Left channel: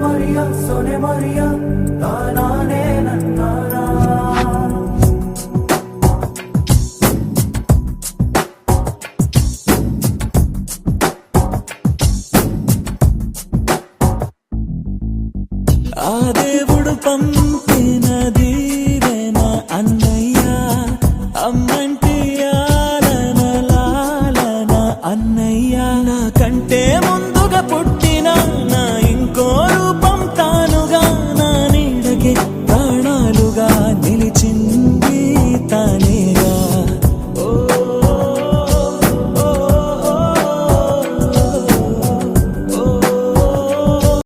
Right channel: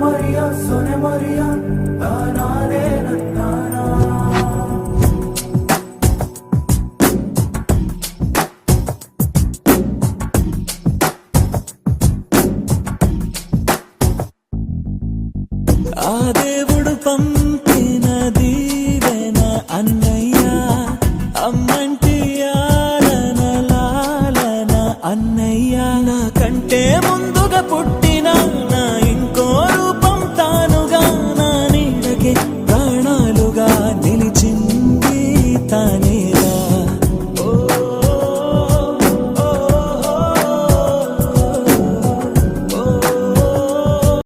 Soane Mariya తానానే నన్నారా ఆ దేవుడు పంపిన దీవెన అన్నయ్య అమ్మంటి ఆలన లాలన అన్నయ్య నా కంటే ముందుగా పుట్టిన నా